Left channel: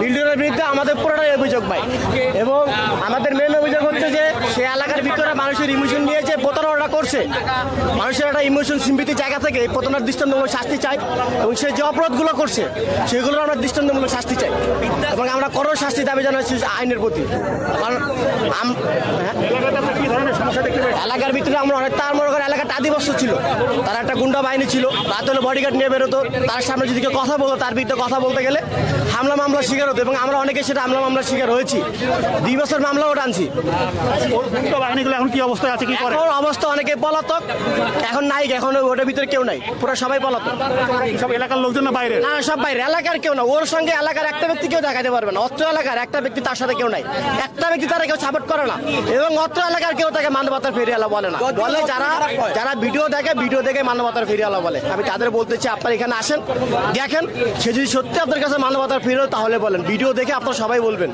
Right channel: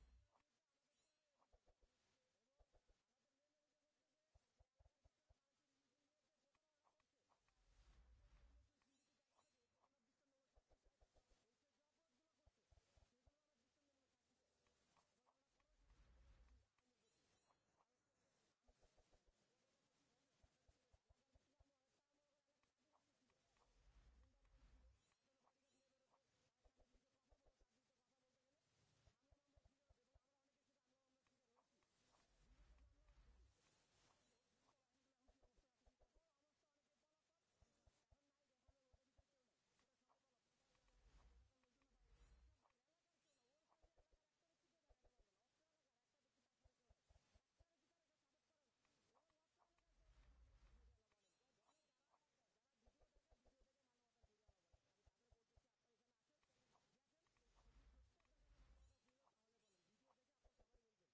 মিল্টনের বিরুদ্ধে আমাদের পুরোটাই অভিযোগ ভাই, এবং আমাদের মেন অভিযোগ হচ্ছে যে সে এলাকার ভিতরে মানুষের ইমোশন নিয়ে যে প্রতারণা করছে, মানুষের একটা ইমোশন সিম্পিতির জায়গা থেকে এই প্রতারণার দৃষ্টান্তমূলক শাস্তি চাই, এবং সে যে অপরাধগুলো করছে সেগুলোর আমরা দৃষ্টান্তমূলক শাস্তি চাই, এবং আমরা কঠোর শাস্তি দাবি জানাচ্ছি আইনের প্রতি। কারণ এলাকার ভিতরে আমরা অনেক, তার মনে করেন এলাকাটা আদিবাসী ছিল, তার একটা গুন্ডা বাহিনী ছিল, রাত হলে বডিগার্ড নিয়ে বেরোতো, তার সামনে যদি কেউ কথা বলতো তার বিরুদ্ধে কথা বলতে গেলে হামলা মামলা শিকার হতো, এবং আমরা অনেকে সেটা হামলা মামলার শিকার হয়েছি, 2 বছর মামলাও টানছি। বাহিনীগুলো এখন কি অবস্থায় আছে, কি করে? এখন অবস্থা অনেকে পলাতক, এখন নাই, এখন ওটার ভিতরে কেউ নাই, পুরো সবাই পলাতক। সব এলাকার লোকজন না বাইরে? না, সব বাইরে, এলাকার কেউ না, ওর সঙ্গে এলাকার একটা ব্যক্তি কেউ দেখাতে পারবে না, অত্র এলাকার একটা ব্যক্তি তার সাথে কেউ নাই, একটা ব্যক্তি তারা কেউ সাপোর্ট করে না, এবং অত্র এলাকার কেউ তাকে মানবতার ফেরিয়ালা বলে না, বলে যারা ভিডিও দেখে মানবতার ফেরিয়ালা বলে। আমি তাদের বলতে চাই, আপনারা এখানে আসেন, দেখেন, সে যদি সত্যি আপনার কাছে মানবতার ফেরিয়াল তাহলে বলেন, ভিডিও দেখে আপনারা সবাই বলবেন।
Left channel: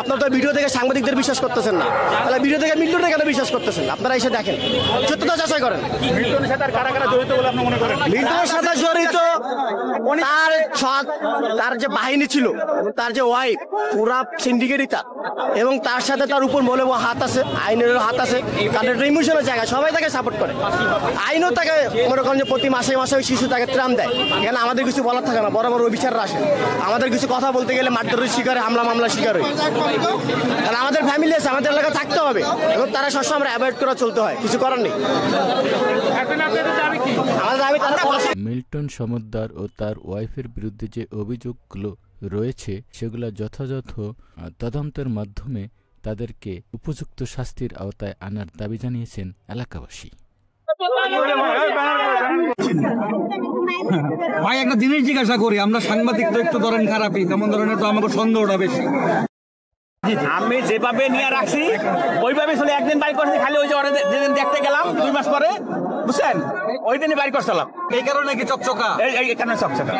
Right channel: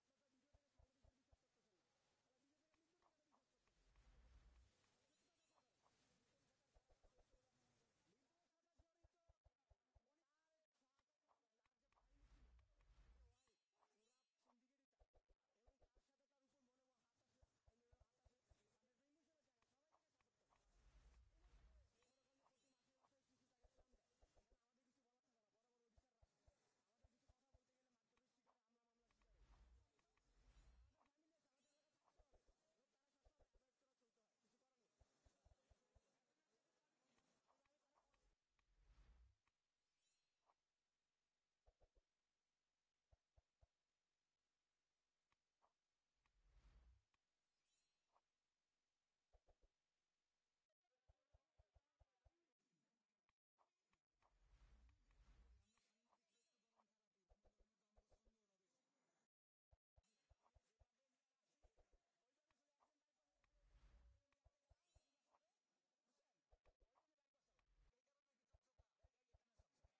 আপনার তো ভিডিও দেখে সাংবাদিকদের বিশ্বাস করতেছেন না, তাহলে ভিডিও দেখে মিল্টনকে কেন বিশ্বাস করতেছেন? আপনারা এসে দেখেন, সত্যতা যাচাই করেন। মিল্টনের সাথে কারা কারা জড়িত বলে আপনি মনে করেন? মিল্টনের সাথে জড়িত তার যে বাহিনী ছিল, তার যে ওয়াইফ, পুরা সিন্ডিকেটই তার, এবং তার সাথে তার উপর মনে হাত আছে, আইনেরও হাত আছে, তাদের ইমোশনের জায়গা, সবাই তাকে সাপোর্ট করে, আইনও তাকে মনে করেন যে প্রতি মাসে মাসে ওই শিশু তাকে ত্রাণ দেয়। এখানে আমাদের কিছু বলার থাকে না, বড় বড় অফিসাররা আসে, আমাদের কিছু কথা বলতে গেলে মারধরের শিকার, হামলা মামলা শিকার হই, কারণ আমাদের ফ্যামিলি আছে, আমাদের এলাকা থাকতে হবে, এবং তারা সবসময় আমরা অ্যাভয়েড করে চলতে হয়, কিছু করার নেই। মিল্টন সমদ্দার ও তার ওয়াইফের বিরুদ্ধে যে অভিযোগগুলো রয়েছে সেগুলো যথাযথ তদন্তের মাধ্যমে তাদেরকে উপযুক্ত শাস্তির আওতায় আনার দাবি জানিয়েছেন এলাকাবাসী। ভাই একটা জিনিস জিজ্ঞাসা করি, আমরা সাংবাদিক তো একটু ধরেন খারাপই, তেমন ধরনের তো আমাকে সন্দেহটা বেশি। আমি যেভাবে নিয়ে রাখছি ওইভাবে চলে, একদিন বাইর করছি, খালি ওই যে যেদিন দেখতে গেলাম 2 মাস পরে, বুঝছেন, ওই দিনই বাইর করছিলাম, এই কারণে কি চকচকা? এই কারণে চকচকা।